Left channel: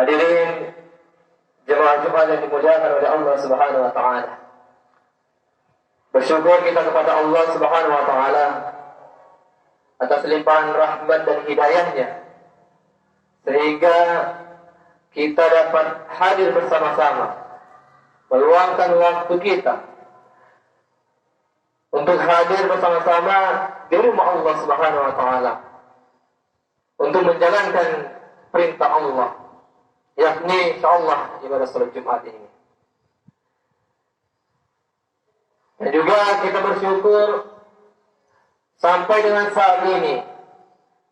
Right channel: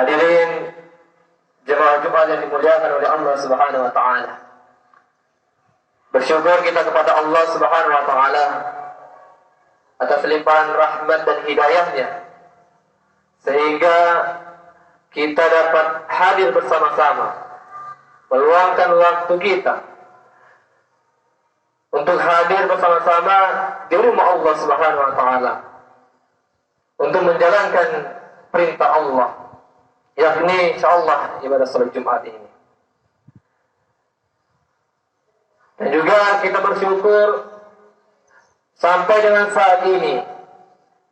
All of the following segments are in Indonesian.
Hadirin jemaah Jumat yang dimuliakan oleh Allah Subhanahu wa taala. Bersyukur kita kepada Allah Subhanahu wa taala atas limpahan rahmat dan hidayahnya sehingga kita dapat hadir bersama-sama, meluangkan waktu kita untuk hadir bersama-sama di rumah Allah Subhanahu wa taala untuk menjalankan perintah Allah, yakni insyaallah ibadah salat Jumat ini. Dan juga kita bersyukur sampai dengan saat ini,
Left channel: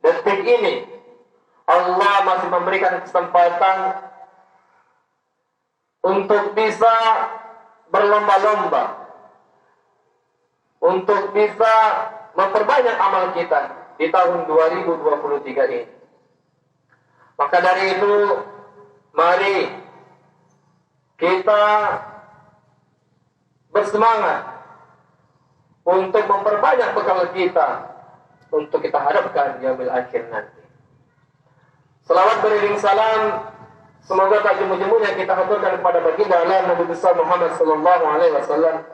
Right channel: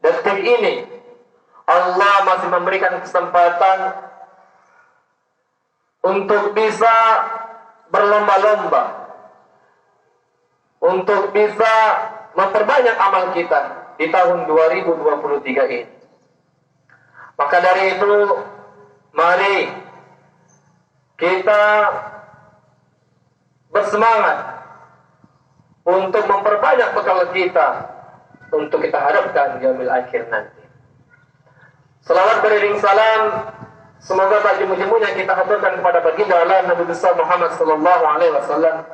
detik ini, Allah masih memberikan kesempatan untuk bisa berlomba-lomba, untuk bisa memperbanyak amal kita di tahun 2023 ini. Maka dari itu, mari kita bersemangat untuk memperbanyak bekal kita untuk kita harapkan yaumil akhir nanti. Selawat beriring salam semoga tak jemu-jemunya kita haturkan kepada baginda Allah Nabi besar Muhammad sallallahu alaihi wasallam.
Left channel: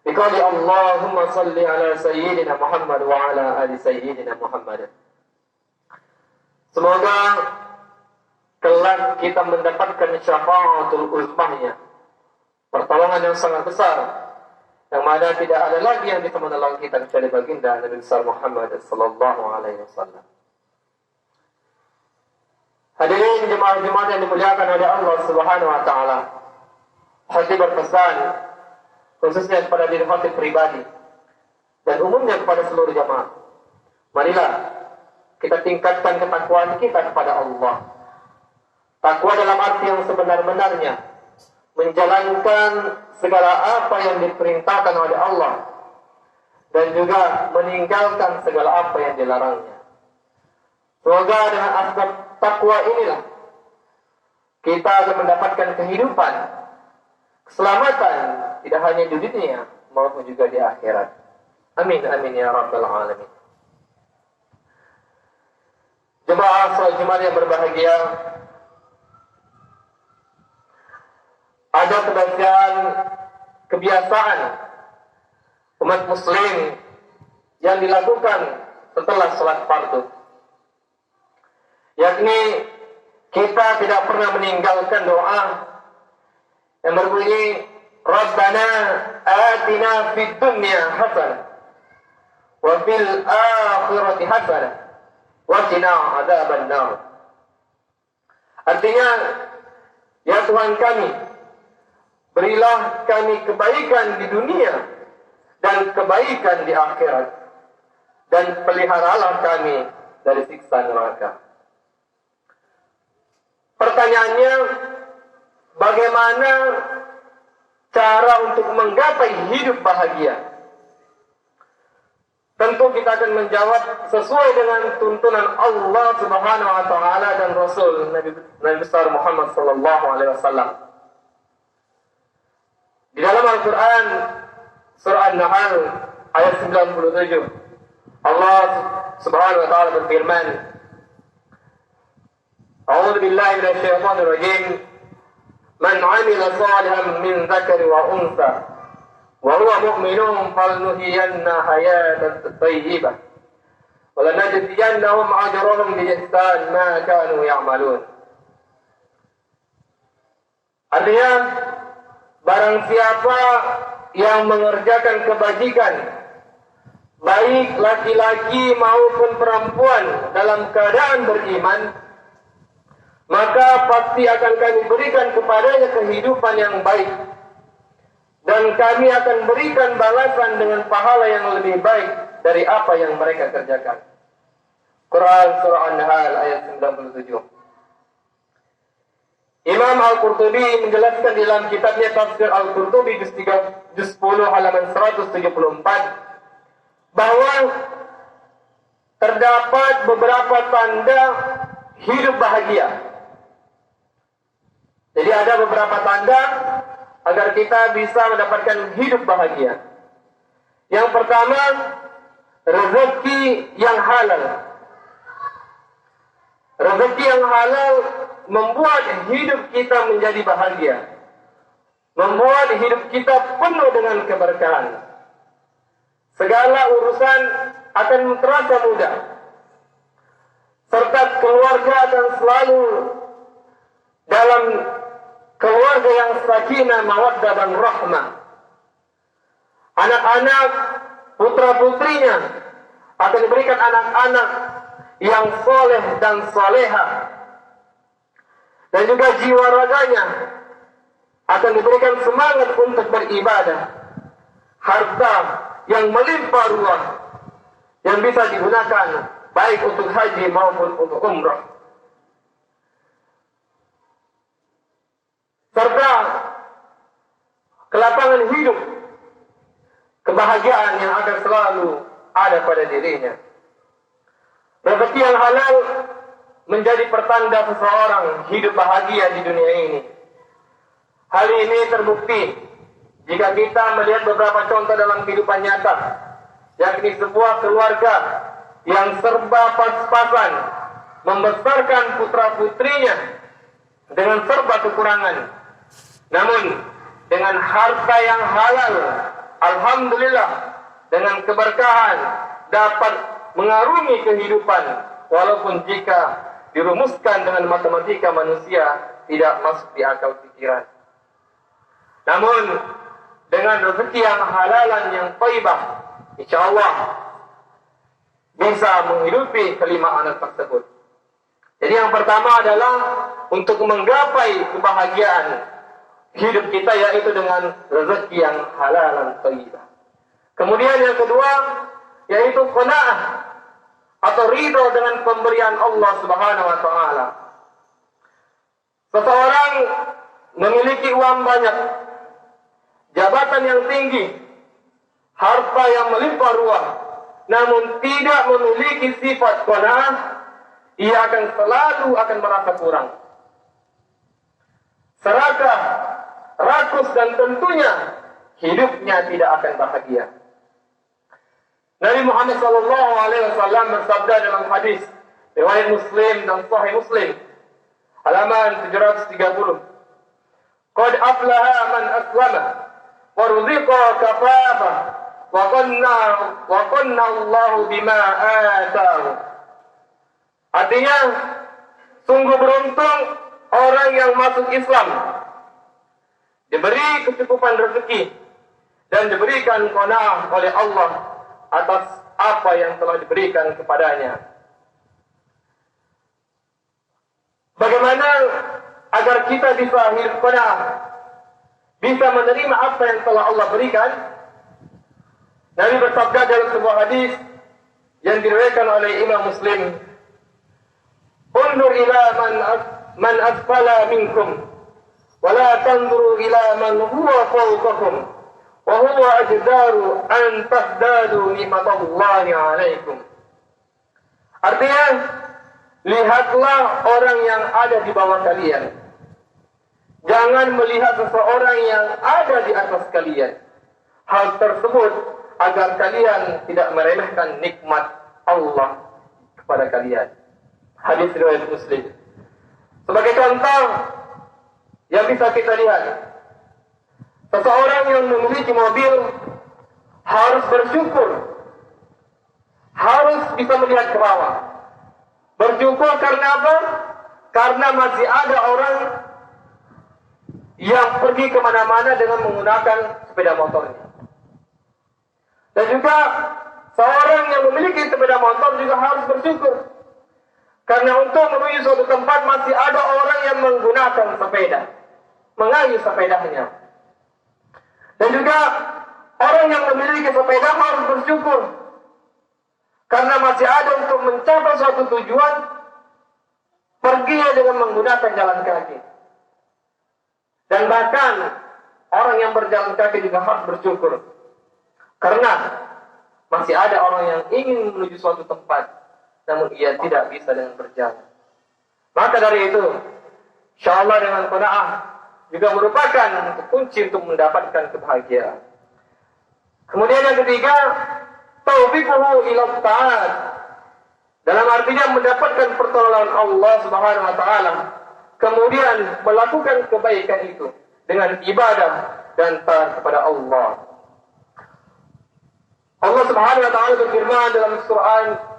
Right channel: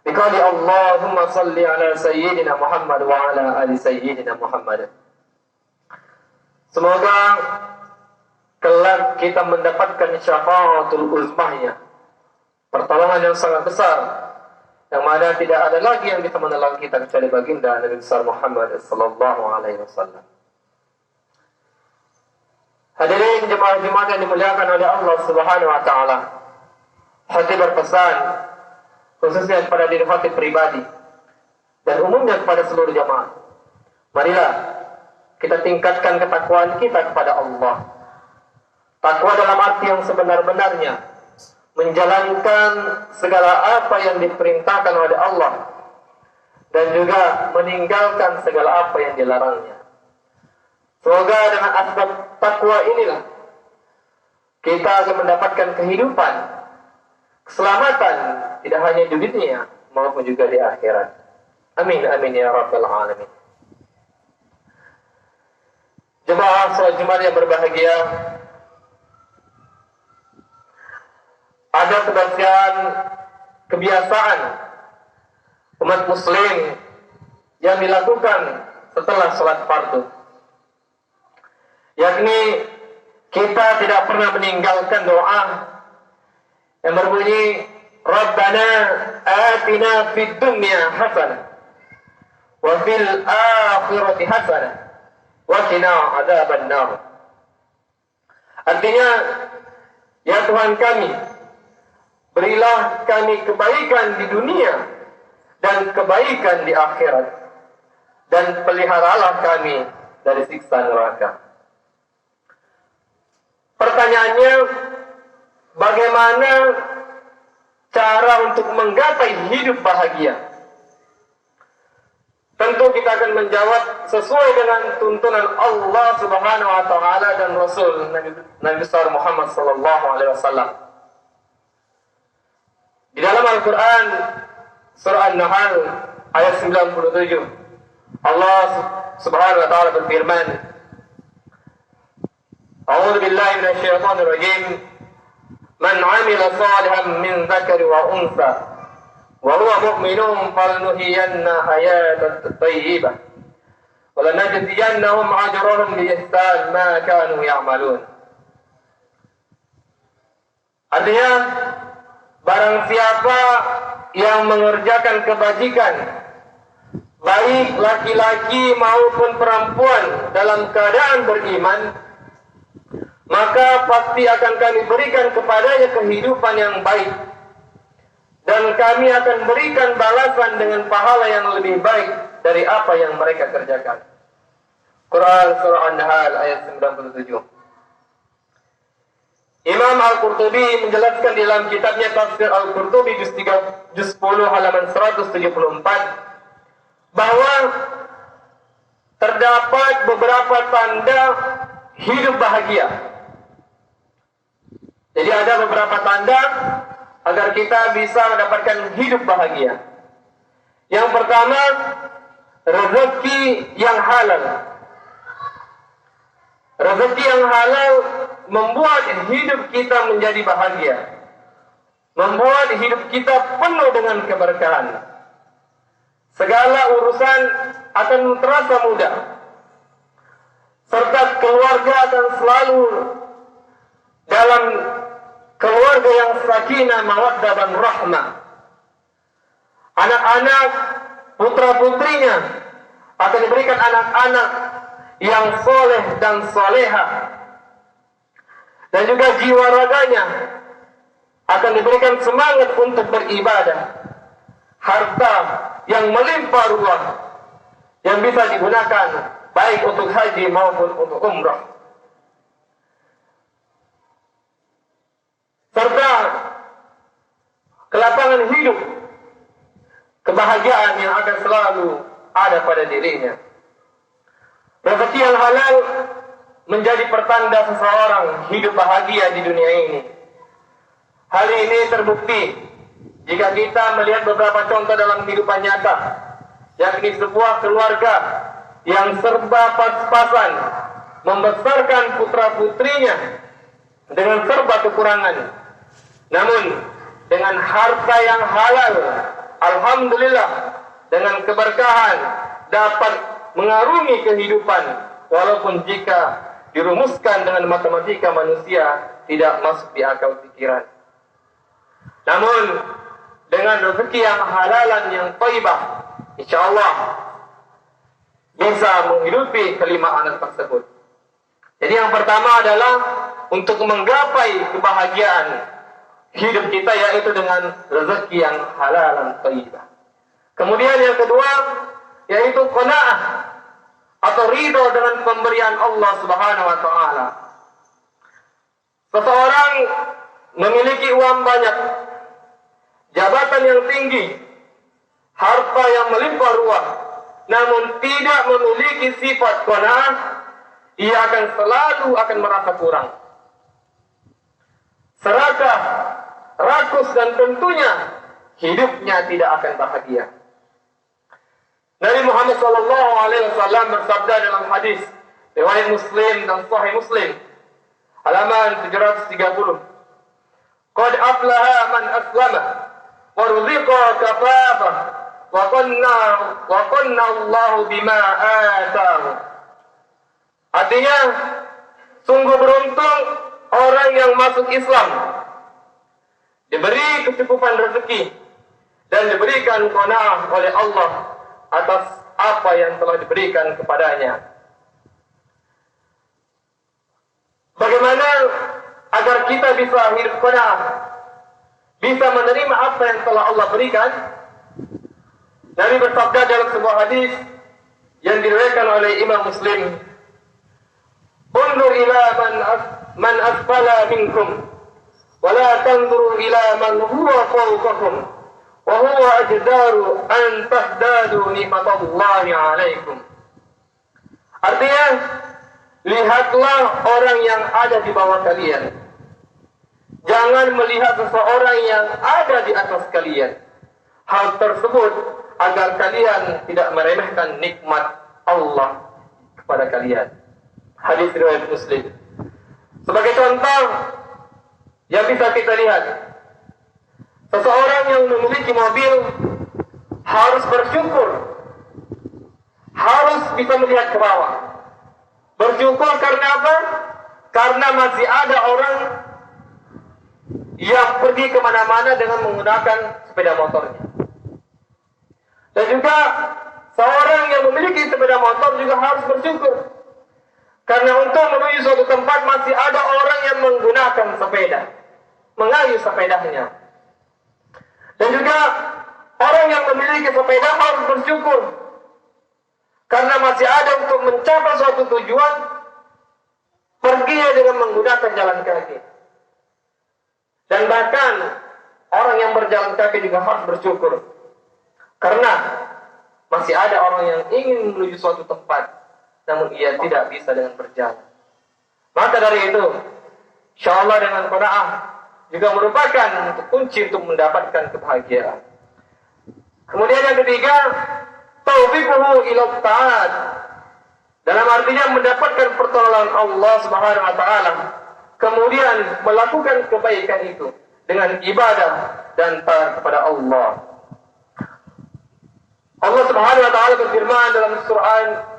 Biqali Allahumma salli ala sayyidina Muhammad wa ala ali sayyidina Muhammad. Semoga kelak kita mendapatkan syafaatul uzmahnya, pertolongan yang sangat besar, yang mana tidak ada lagi yang bisa menolong kita kecuali baginda Nabi besar Muhammad sallallahu alaihi wasallam. Hadirin jemaah Jumat yang dimuliakan oleh Allah Subhanahu wa taala. Hati berpesan khususnya kepada diri hati pribadi dan umumnya kepada seluruh jemaah. Marilah kita tingkatkan ketakwaan kita kepada Allah. Takwa dalam arti yang sebenar-benarnya, menjalankan segala apa yang diperintahkan oleh Allah dan juga meninggalkan segala apa yang dilarangnya. Semoga dengan asbab takwa inilah kita akan mendapatkan kehidupan, keselamatan tidak hanya di dunia maupun juga di akhirat. Amin amin ya rabbal alamin. Jemaah salat Jumat yang berbahagia, ada sebagian kebiasaan umat muslim yang dilakukan setelah sholat fardu, yakni kita tidak pernah meninggalkan doa yang berbunyi Rabbana atina fid dunya hasanah wa fil akhirati hasanah wa qina adzabannar. Artinya, ya Tuhan kami, berilah kami kebaikan di dunia dan kebaikan di akhirat, dan peliharalah kami dari siksa neraka. Pertanyaannya, bagaimana cara untuk menggapai hidup bahagia? Tentu kita akan menjawab sesuai dengan tuntunan Allah Subhanahu wa taala dan Rasul Nabi besar Muhammad sallallahu alaihi wasallam. Di dalam Al-Quran surah An-Nahl ayat 97, Allah Subhanahu wa taala berfirman, A'udzu billahi minasy syaithanir rajim. Man 'amila shalihan min dzakarin wa untha wa huwa mu'minun falnuhyiyanna hayatan thayyibah wa lanajziyannahum ajrahum bi ihsan ma kanu ya'malun. Artinya, barang siapa yang mengerjakan kebajikan, baik laki-laki maupun perempuan dalam keadaan beriman, maka pasti akan kami berikan kepadanya kehidupan yang baik, dan kami akan berikan balasan dengan pahala yang lebih baik dari apa yang mereka kerjakan. Quran surah An-Nahl ayat 97. Imam Al-Qurtubi menjelaskan di dalam kitabnya Tafsir Al-Qurtubi juz 10 halaman 174 bahwa terdapat beberapa tanda hidup bahagia. Jadi ada beberapa tanda agar kita bisa mendapatkan hidup bahagia. Yang pertama, rezeki yang halal. Rezeki yang halal membuat hidup kita menjadi bahagia, membuat hidup kita penuh dengan keberkahan. Segala urusan akan terasa mudah, serta keluarga akan selalu dalam keluarga yang sakinah, mawaddah dan rahmah. Anak-anak, putra-putrinya akan diberikan anak-anak yang soleh dan solehah, dan juga jiwa raganya akan diberikan semangat untuk beribadah. Harta yang melimpah ruah yang bisa digunakan baik untuk haji maupun untuk umrah, serta kelapangan hidup, kebahagiaan yang akan selalu ada pada dirinya. Rezeki yang halal menjadi pertanda seseorang hidup bahagia di dunia ini. Hal ini terbukti jika kita melihat beberapa contoh dalam kehidupan nyata, yakni sebuah keluarga yang serba pas-pasan membesarkan putra-putrinya dengan serba kekurangan, namun dengan harta yang halal, alhamdulillah, dengan keberkahan dapat mengarungi kehidupan, walaupun jika dirumuskan dengan matematika manusia tidak masuk di akal pikiran. Namun dengan rezeki yang halalan yang thayyibah, insyaallah bisa menghidupi kelima anak tersebut. Jadi yang pertama adalah untuk menggapai kebahagiaan hidup kita, yaitu dengan rezeki yang halalan thayyibah. Kemudian yang kedua yaitu qanaah atau ridho dengan pemberian Allah Subhanahu wa taala. Seseorang memiliki uang banyak, jabatan yang tinggi, harta yang melimpah ruah, namun tidak memiliki sifat qanaah, ia akan selalu merasa kurang, serakah, rakus, dan tentunya hidupnya tidak akan bahagia. Nabi Muhammad SAW bersabda dalam hadis riwayat Muslim dan Sahih Muslim, halaman 730, "Qad aflaha man aslama wa ruziqa kafafah wa qanna Allahu bima ataahu." Artinya, sungguh beruntung orang yang masuk Islam, diberi kecukupan rezeki dan diberikan qanaah oleh Allah atas apa yang telah diberikan kepadanya. Bagaimana agar kita bisa hidup qanaah, bisa menerima apa yang telah Allah berikan? Nabi bersabda dalam sebuah hadis yang diriwayatkan oleh Imam Muslim, "Undur ila man asfala minkum, wa la tanzuru ila man huwa fawqakum, wa huwa ajdaru an tahdadu nikmatallahi alaikum." Artinya, lihatlah orang yang ada di bawah kalian, jangan melihat seseorang yang ada di atas kalian. Hal tersebut agar kalian tidak meremehkan nikmat Allah kepada kalian. Hadis riwayat Muslim. Sebagai contoh yang bisa kita lihat, seseorang yang memiliki mobil harus bersyukur, harus bisa melihat ke bawah. Bersyukur karena apa? Karena masih ada orang yang pergi kemana-mana dengan menggunakan sepeda motornya. Dan juga seorang yang memiliki sepeda motor juga harus bersyukur, karena untuk menuju suatu tempat masih ada orang yang menggunakan sepeda, mengayuh sepedanya. Dan juga orang yang memiliki sepeda harus bersyukur, karena masih ada untuk mencapai suatu tujuan, pergi dengan menggunakan jalan kaki. Dan bahkan orang yang berjalan kaki juga harus bersyukur, karena masih ada orang yang ingin menuju suatu tempat, namun ia tidak bisa dengan berjalan. Maka dari itu, insyaallah dengan qanaah juga merupakan kunci untuk mendapatkan kebahagiaan. Kemudian yang ketiga, taufiquhu ila taat, dalam artinya mendapatkan pertolongan Allah Subhanahu wa taala kemudian melakukan kebaikan itu dengan ibadah dan taat kepada Allah. Allah Subhanahu wa taala berfirman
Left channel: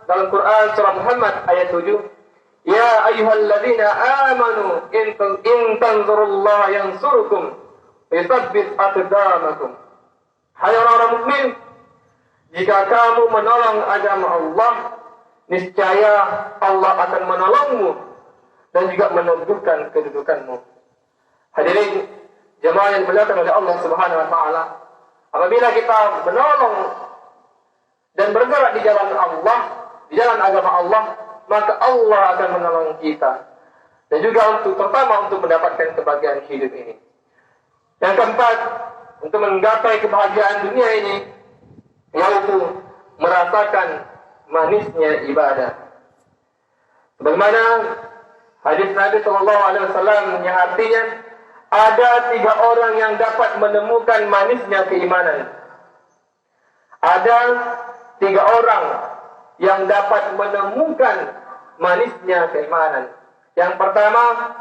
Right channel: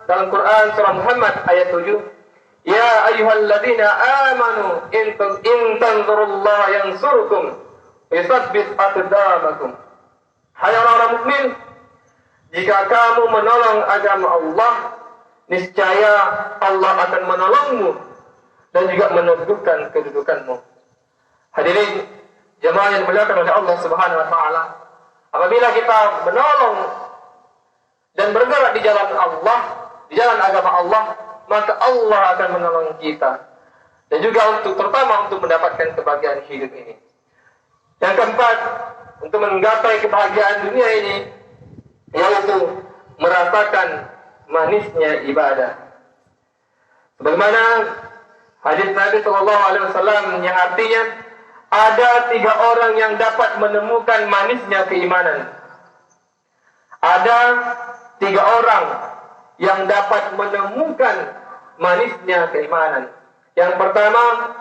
dalam Quran surah Muhammad ayat 7, "Ya ayyuhalladzina amanu in tanzurullaha yansurkum wa yuthabbit aqdamakum." Hai orang-orang mukmin, jika kamu menolong agama Allah, niscaya Allah akan menolongmu dan juga meneguhkan kedudukanmu. Hadirin jemaah yang dimuliakan oleh Allah Subhanahu wa taala, apabila kita menolong dan bergerak di jalan Allah, di jalan agama Allah, maka Allah akan menolong kita. Dan juga terutama untuk mendapatkan kebahagiaan hidup ini. Yang keempat, untuk menggapai kebahagiaan dunia ini, yaitu merasakan manisnya ibadah. Sebagaimana hadis Nabi Shallallahu Alaihi Wasallam yang artinya ada 3 orang yang dapat menemukan manisnya keimanan. Ada 3 orang yang dapat menemukan manisnya keimanan. Yang pertama,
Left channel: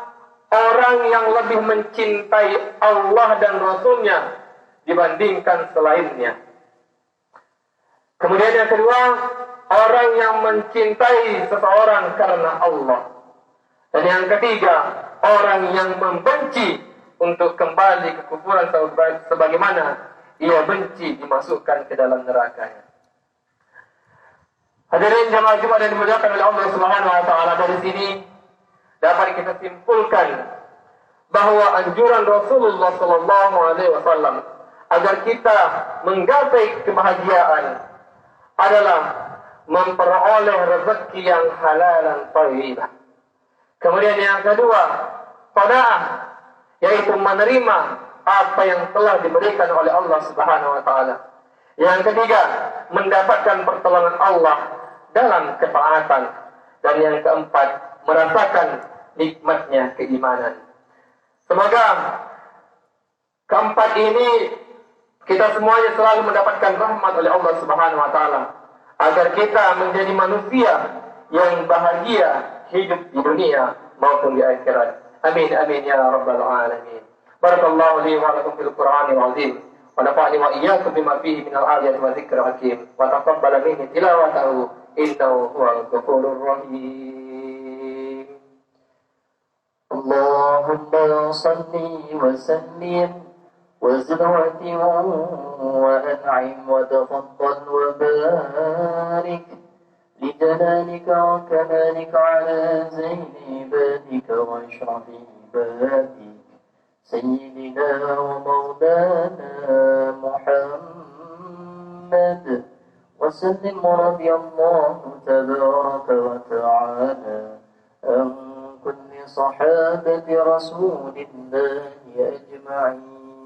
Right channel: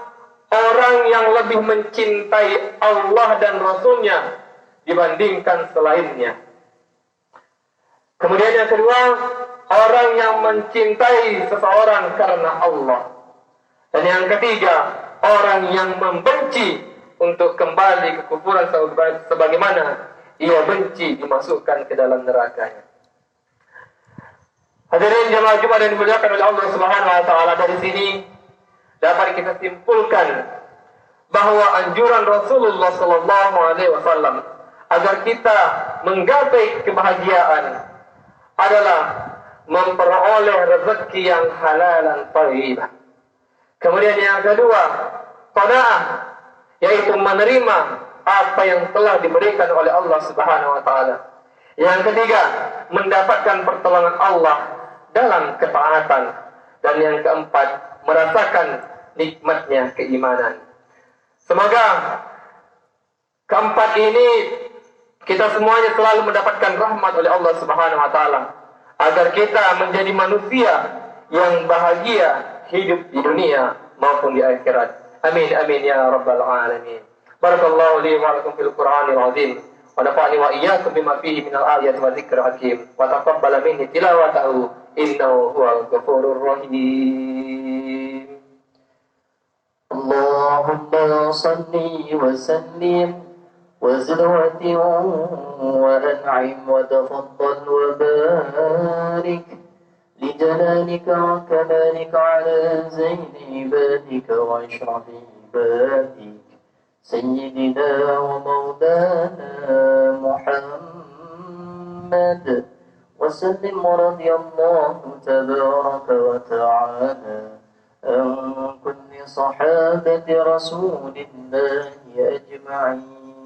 orang yang lebih mencintai Allah dan Rasul-Nya dibandingkan selainnya. Kemudian yang kedua, orang yang mencintai seseorang karena Allah. Dan yang ketiga, orang yang membenci untuk kembali ke kufuran sebagaimana ia benci dimasukkan ke dalam nerakanya. Hadirin jemaah Jumat yang dimuliakan oleh Allah Subhanahu wa taala, dari sini dapat kita simpulkan bahwa anjuran Rasulullah sallallahu alaihi wasallam agar kita menggapai kebahagiaan adalah memperoleh rezeki yang halal dan thayyibah. Kemudian yang kedua, qanaah, yaitu menerima apa yang telah diberikan oleh Allah Subhanahu wa taala. Yang ketiga, mendapatkan pertolongan Allah dalam ketaatan. Dan yang keempat, merasakan nikmatnya keimanan. Semoga keempat ini kita semuanya selalu mendapatkan rahmat oleh Allah Subhanahu wa taala, agar kita menjadi manusia yang bahagia hidup di dunia maupun di akhirat. Amin amin ya rabbal alamin. Barakallahu li wa lakum fil Qur'anil azim. Wa nafa'ani wa iyyakum bima fihi minal ayati wa dzikril hakim. Wa taqabbal minni tilawatahu innahu huwal ghafurur rahim. Allahumma salli wa sallim wa zid wa an'im wa tafaddal wa barik لجلالك وكمالك على زين عبادك واشرف عبادك سيدنا ومولانا محمد وسلم رضي الله تبارك وتعالى عن كل صحابة رسول الله أجمعين